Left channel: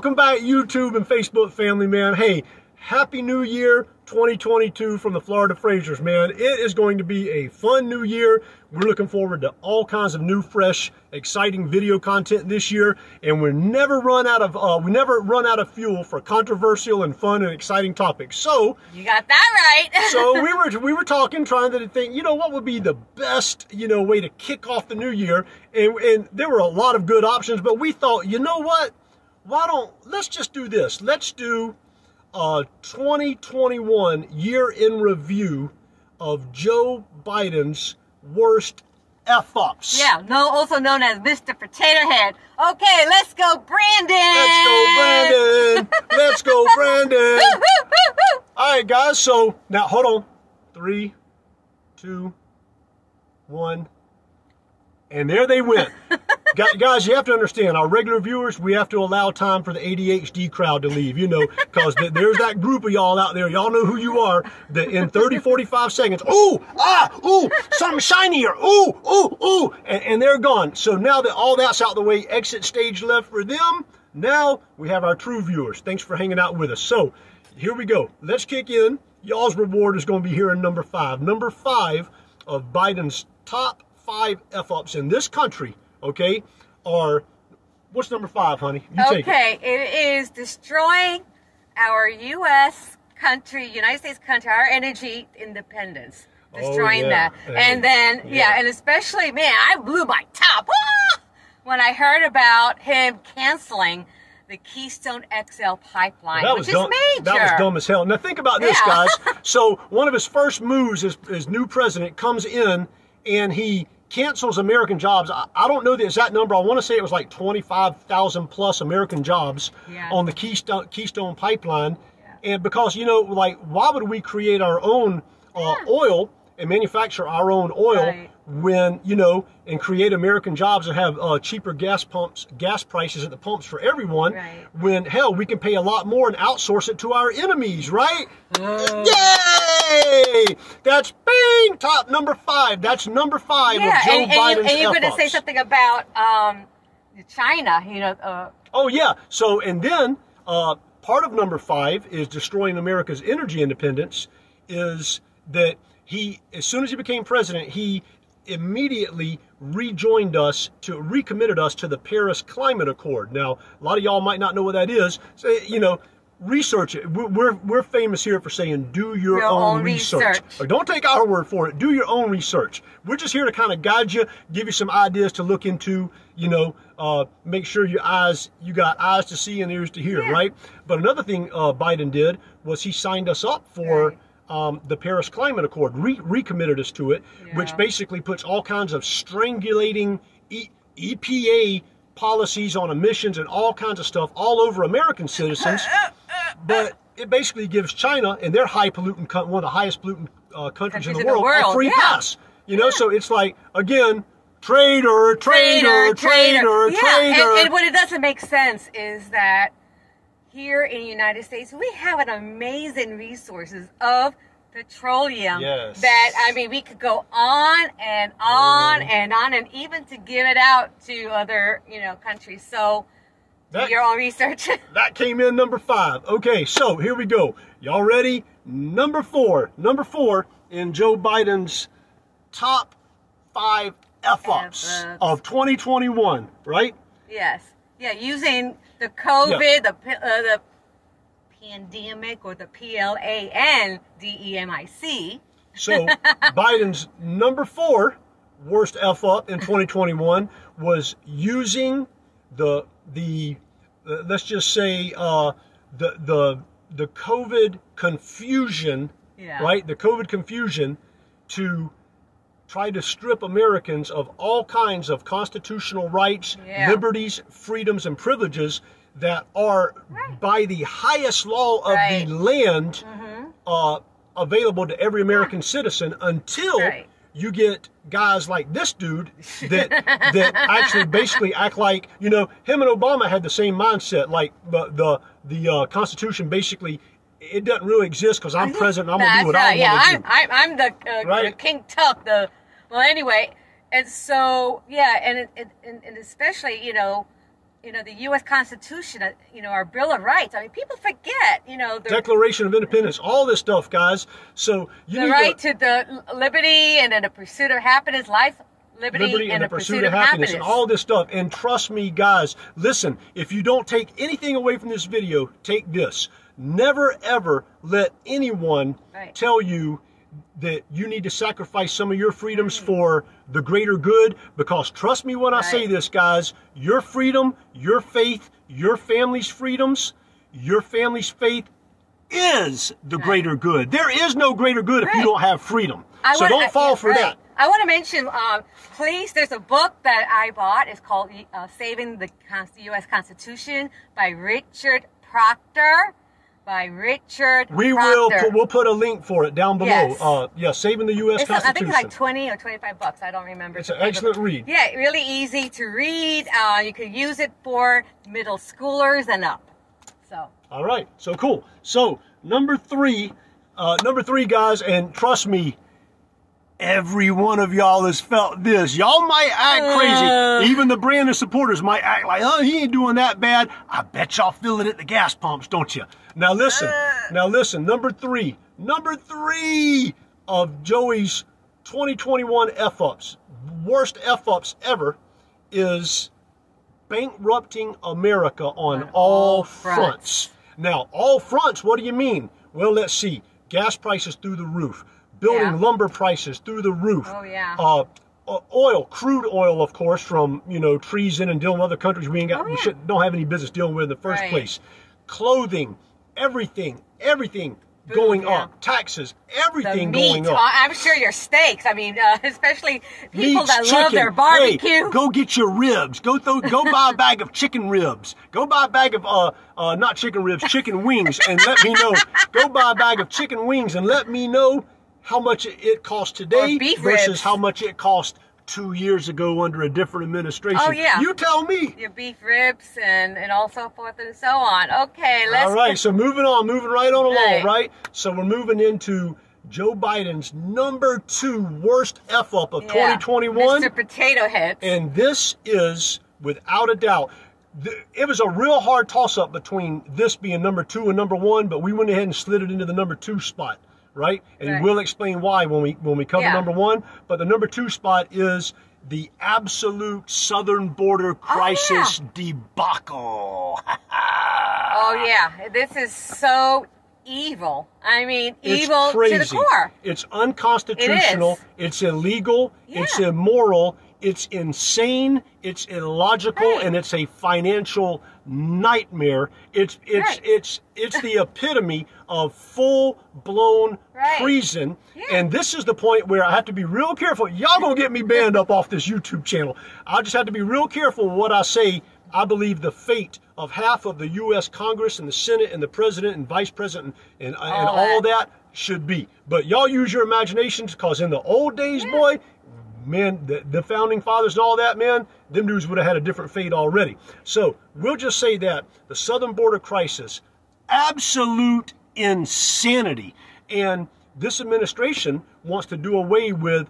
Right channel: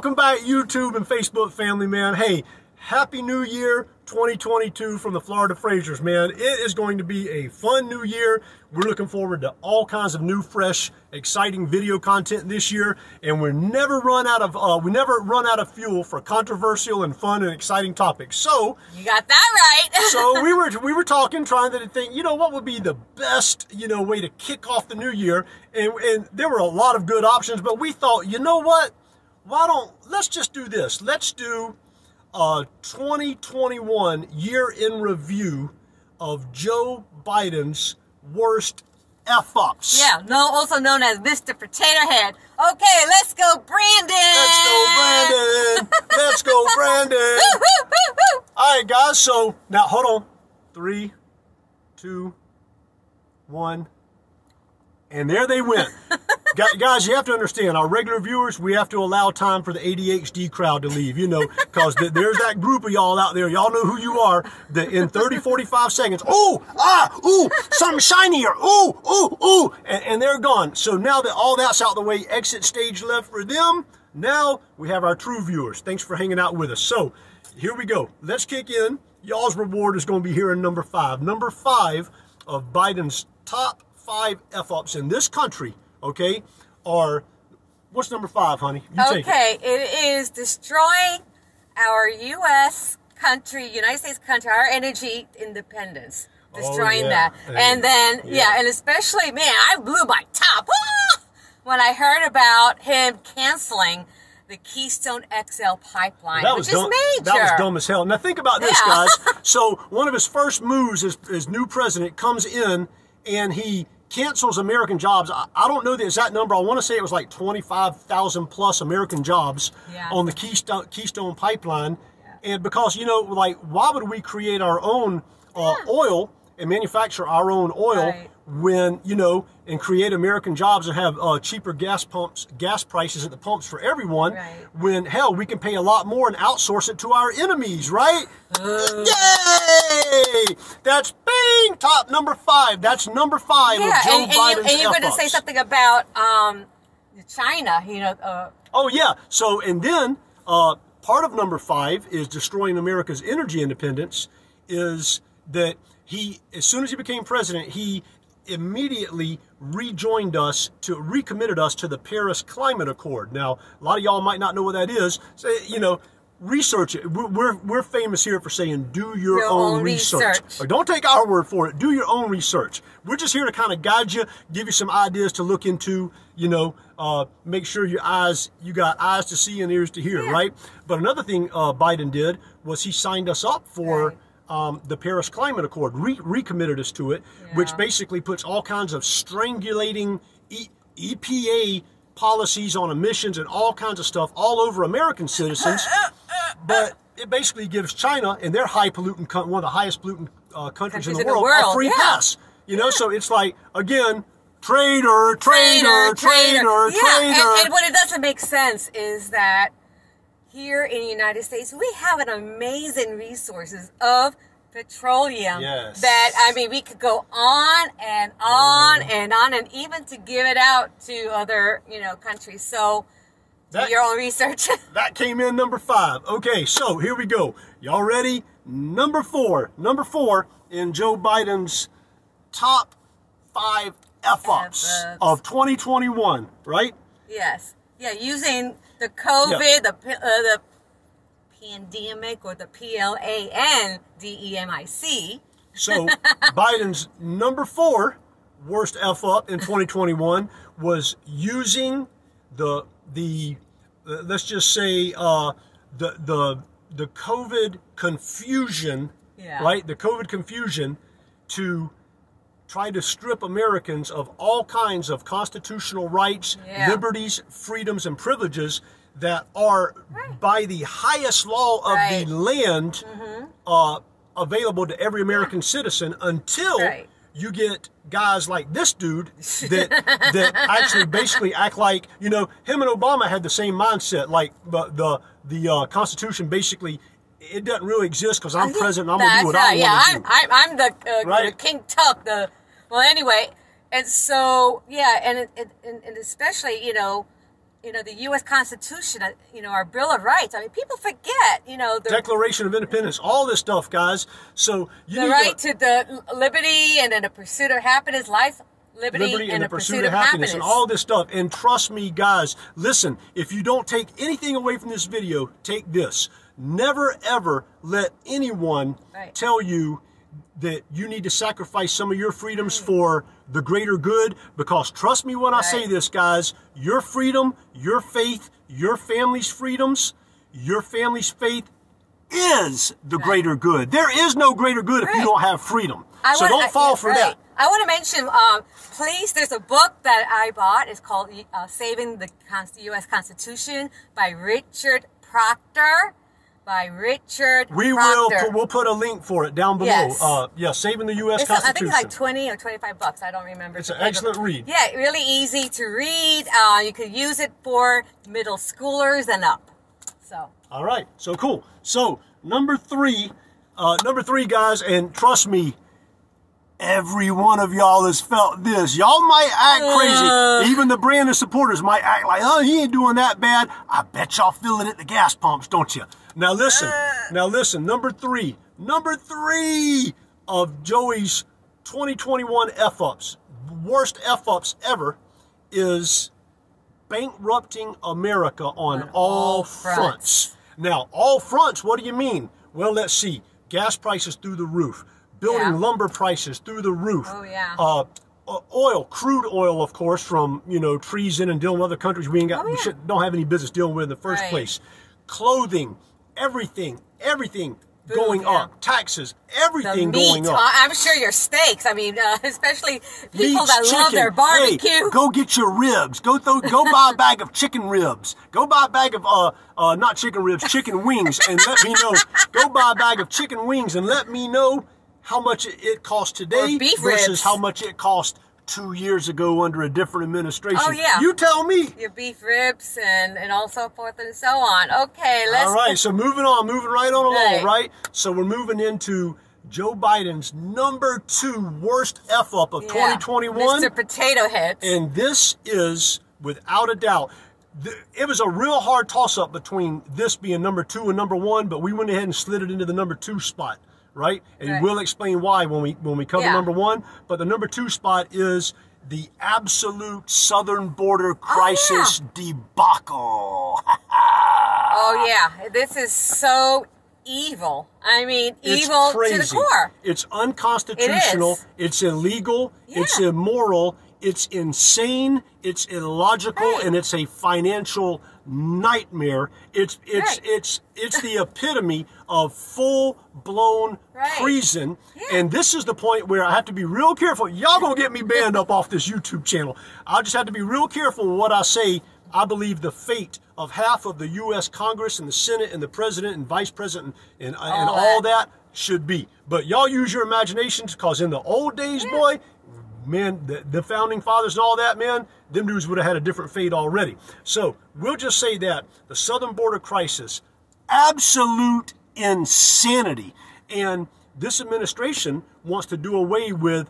welcome back, YouTube and Facebook family, man. Hey, Happy New Year 2022 from the Florida Frasers, man. It is going to be a fun new year. We're looking forward to all kinds of new, fresh, exciting video content this year, and we never run out of fuel for controversial and fun and exciting topics. So you got that right. So we were talking, trying to think, what would be the best, way to kick off the new year, and there were a lot of good options, but we thought, what? Let's just do this. Let's do a 2021 year in review of Joe Biden's worst F-ups. Yeah, also known as Mr. Potato Head. Okay, let's go, Brandon. Let's go, Brandon. Let's go, Brandon. All right, guys. So now, hold on. 3, 2, 1. And there they went. Guys, you have to understand, our regular viewers, we have to allow time for the ADHD crowd to leave, because there's that group of y'all out there. Y'all know who you are. That in 30, 45 seconds, something shinier. Ooh. And they're gone. So now that all that's out the way, exit stage left for them. Now we have our true viewers. Thanks for hanging out with us. So here we go. Let's kick in. Y'all's reward is going to be here in number 5. Number 5 of Biden's top 5 F-ups in this country, okay, are, what's number 5, honey? You take it. It is destroying our United States country, our energy independence. Destroying that. And then, and especially, man, I blew my top when I heard about him canceling the Keystone XL pipeline, which is major. That was dumb as hell. Now think about this, guys. So one of his first moves as new president comes in and he cancels American jobs. I don't know the exact number. I want to say it was like 25,000 plus American jobs on the Keystone pipeline. And because, why would we create our own oil and manufacture our own oil when, and create American jobs and have cheaper gas prices at the pumps for everyone, when, hell, we can pay a lot more and outsource it to our enemies, right? Yay! That's top number 5. That's number 5 of Joe Biden's and you're going to say something about China, Oh, yeah. So, and then part of number 5 is destroying America's energy independence, is that as soon as he became president, he immediately recommitted us to the Paris Climate Accord. Now, a lot of y'all might not know what that is. So, research it. We're famous here for saying do your own research. Or don't take our word for it. Do your own research. We're just here to kind of guide you, give you some ideas to look into, make sure you got eyes to see and ears to hear, right? But another thing Biden did was he signed us up for the Paris Climate Accord, recommitted us to it, which basically puts all kinds of strangulating EPA policies on emissions and all kinds of stuff all over American citizens. But it basically gives China, and their one of the highest pollutant countries in the world, a free pass. So it's like, again, traitor. And what it doesn't make sense is that here in the United States, we have an amazing resources of petroleum that, we could go on and on and on, and even to give it out to other, countries. So do your own research. That came in number 5. Okay, so here we go. Y'all ready? Number 4 in Joe Biden's top 5 F-ups of 2021, right? Yes. Yeah, using the COVID, the pandemic, or the PLANDEMIC. So Biden's number 4 worst F-up in 2021 was using the let's just say the COVID confusion, right? The COVID confusion to try to strip Americans of all kinds of constitutional rights, liberties, freedoms, and privileges that are by the highest law of the land available to every American citizen, until you get guys like this dude that actually basically act like, him and Obama had the same mindset, like the Constitution basically, it doesn't really exist because I'm president, I'm going to do what I want to do. I'm the King Tut, well, anyway, and so, and especially, the U.S. Constitution, our Bill of Rights. I mean, people forget, the Declaration of Independence, all this stuff, guys. So the right to the liberty and then the pursuit of happiness, life, liberty and the pursuit of happiness, and all this stuff. And trust me, guys, listen, if you don't take anything away from this video, take this. Never, ever let anyone tell you that you need to sacrifice some of your freedoms for the greater good, because trust me when I say this, guys, your freedom, your faith, your family's freedoms, your family's faith is the greater good. There is no greater good if you don't have freedom. So don't fall for that. I want to mention, please, there's a book that I bought. It's called Saving the U.S. Constitution by Richard Proctor. We'll put a link for it down below. Yes. Saving the U.S. Constitution. I think it's like 20 or 25 bucks. I don't remember. It's an excellent read. Yeah, really easy to read. You could use it for middle schoolers and up. So. All right. So cool. So number three, guys, and trust me, every one of y'all has felt this. Y'all might act crazy. Even the Brandon supporters might act like, oh, he ain't doing that bad. I bet y'all feel it at the gas pumps, don't you? Now listen, number three of Joey's 2021 F-ups, worst F-ups ever, is bankrupting America on all fronts. Now, all fronts, what do you mean? Well, let's see. Gas prices through the roof. Building lumber prices through the roof. Oh, yeah. Oil, crude oil, of course, from, treason and dealing with other countries we don't have any business dealing with in the first place. Clothing, everything going up. Taxes, everything going up. I'm sure your steaks. I mean, especially people that love their barbecue. Hey, go get your ribs. Go buy a bag of chicken ribs. Go buy a bag of not chicken ribs, chicken wings, and let me know. Go buy a bag of chicken wings and let me know how much it costs today versus how much it cost 2 years ago under a different administration. Oh, yeah. You tell me. Your beef ribs and all so forth and so on. Okay, all right, so moving right on along, right? So we're moving into Joe Biden's number 2 worst F-up of 2021. Mr. Potato Head. And this is, without a doubt, it was a real hard toss-up between this being number 2 and number 1, but we went ahead and slid it into the number 2 spot. Right? And we'll explain why when we cover number 1. But the number 2 spot is the absolute southern border crisis debacle. Oh, yeah. This is so evil. I mean, evil to the core. It's unconstitutional. It's illegal. Yeah. It's immoral. It's insane. It's illogical. And it's a financial nightmare. It's the epitome of full-blown treason. Yeah. And this is the point where I have to be real careful. Y'all gonna get me banned up off this YouTube channel. I just have to be real careful with what I say. I believe the fate of half of the U.S. Congress and the Senate and the President and Vice President and all that should be. But y'all use your imaginations, because in the old days, boy, man, the Founding Fathers and all that, man, them dudes would have had a different fate already. So we'll just say that the southern border crisis, absolute insanity. And this administration wants to do away with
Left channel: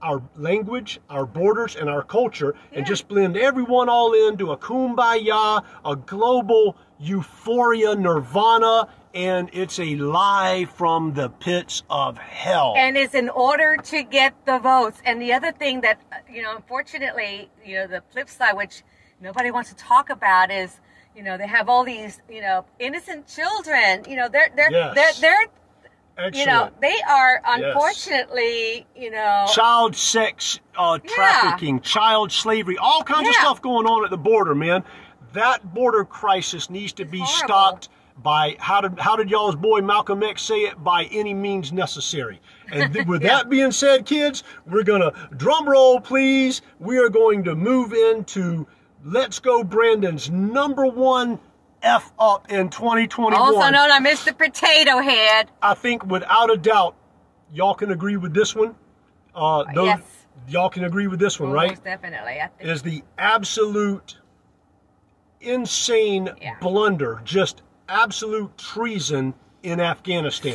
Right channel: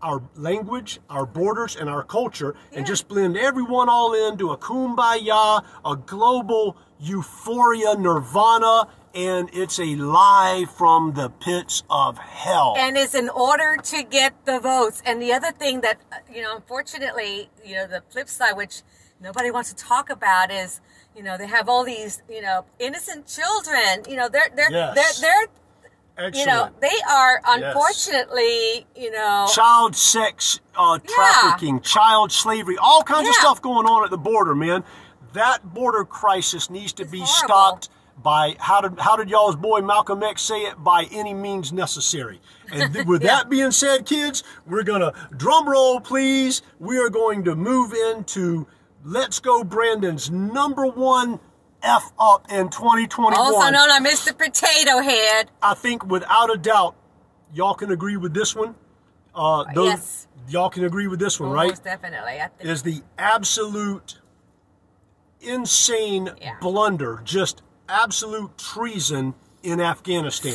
our language, our borders, and our culture, and just blend everyone all into a kumbaya, a global euphoria, nirvana, and it's a lie from the pits of hell. And it's in order to get the votes. And the other thing that, unfortunately, the flip side, which nobody wants to talk about, is, they have all these, innocent children. They're excellent. They are, unfortunately, child sex trafficking, child slavery, all kinds of stuff going on at the border, man. That border crisis needs to be stopped by, how did y'all's boy Malcolm X say it? By any means necessary. And with that being said, kids, we're going to, drum roll please, we are going to move into Let's Go Brandon's number 1 F-up in 2021. Also known as Mr. Potato Head. I think without a doubt, y'all can agree with this one. Yes. Y'all can agree with this one, right? Most definitely. I think. Is the absolute insane blunder, just absolute treason in Afghanistan.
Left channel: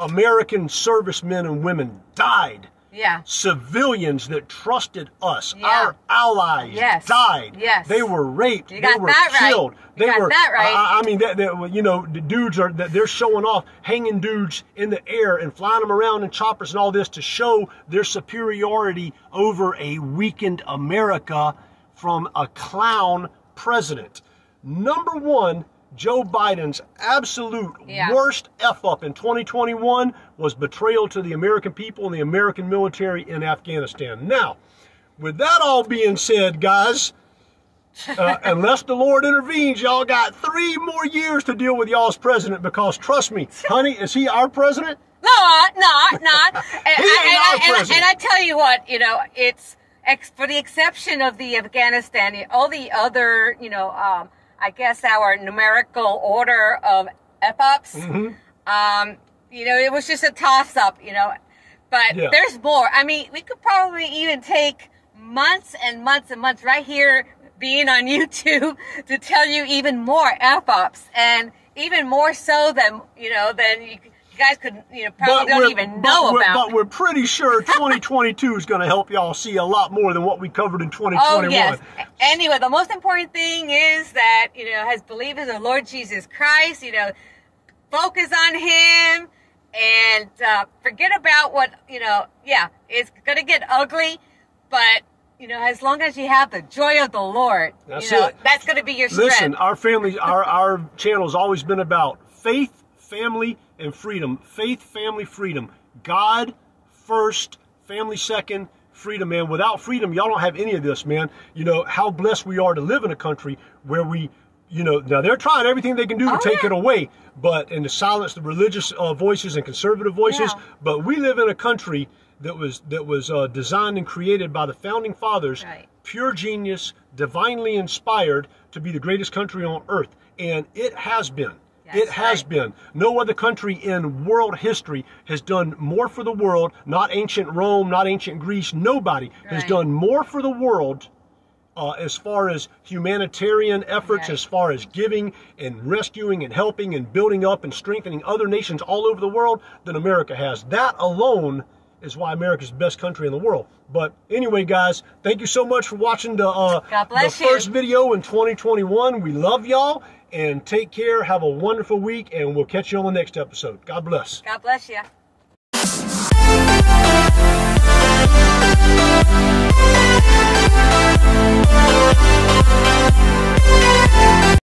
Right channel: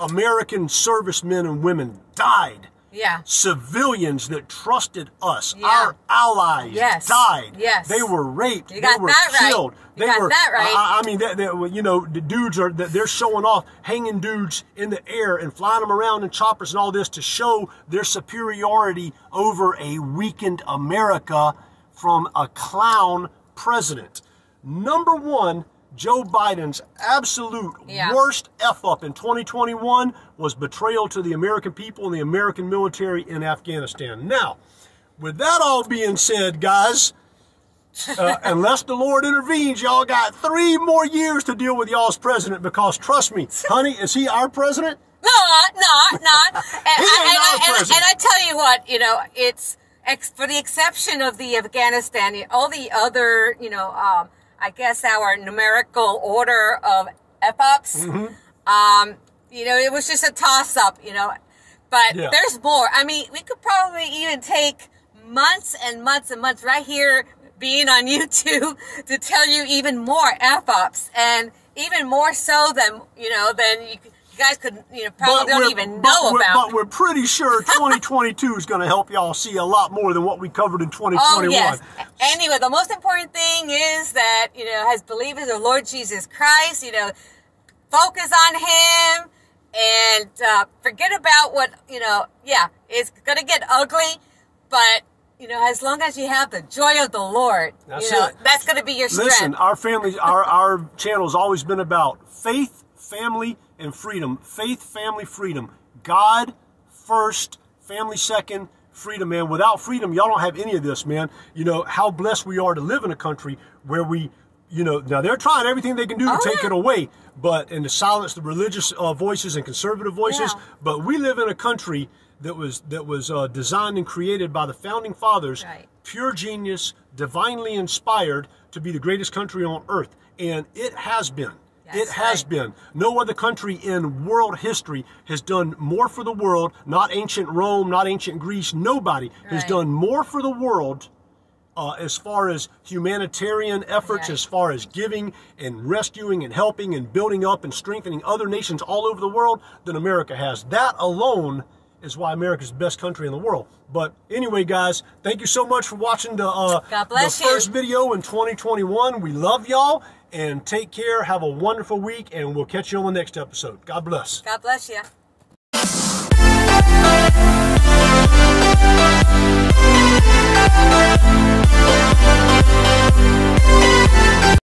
American servicemen and women died civilians that trusted us, our allies, died. They were raped. They were killed. They were. I mean, you know, the dudes are they're showing off, hanging dudes in the air and flying them around in choppers and all this to show their superiority over a weakened America from a clown president. Number one, Joe Biden's absolute worst F-up in 2021 was betrayal to the American people and the American military in Afghanistan. Now, with that all being said, guys, unless the Lord intervenes, y'all got 3 more years to deal with y'all's president, because trust me, honey, is he our president? No, not. And I tell you what, you know, it's for the exception of the Afghanistan, all the other, you know, I guess our numerical order of F-ups, you know, it was just a toss-up, you know, but there's more. I mean, we could probably even take months and months and months right here being on YouTube to tell you even more F-ups, and even more so than, you know, than you guys could, you know, probably don't even know about. But we're pretty sure 2022 is going to help y'all see a lot more than what we covered in 2021. Oh, yes. Anyway, the most important thing is that, you know, as believers of Lord Jesus Christ, you know, focus on Him and forget about what, you know, it's going to get ugly, but, you know, as long as you have the joy of the Lord, you know, that's going to be your strength. Listen, our family, our channel has always been about faith, family, and freedom. Faith, family, freedom. God first, family second, freedom, man. Without freedom, y'all don't have any of this, man. You know, how blessed we are to live in a country where we, you know, now they're trying everything they can do to take it away, and to silence the religious voices and conservative voices. But we live in a country that was designed and created by the founding fathers, pure genius, divinely inspired to be the greatest country on earth. And it has been. It has been. No other country in world history has done more for the world, not ancient Rome, not ancient Greece. Nobody has done more for the world as far as humanitarian efforts, as far as giving and rescuing and helping and building up and strengthening other nations all over the world than America has. That alone is why America's the best country in the world. But anyway, guys, thank you so much for watching the first video in 2021. We love y'all. And take care. Have a wonderful week, and we'll catch you on the next episode. God bless. God bless you.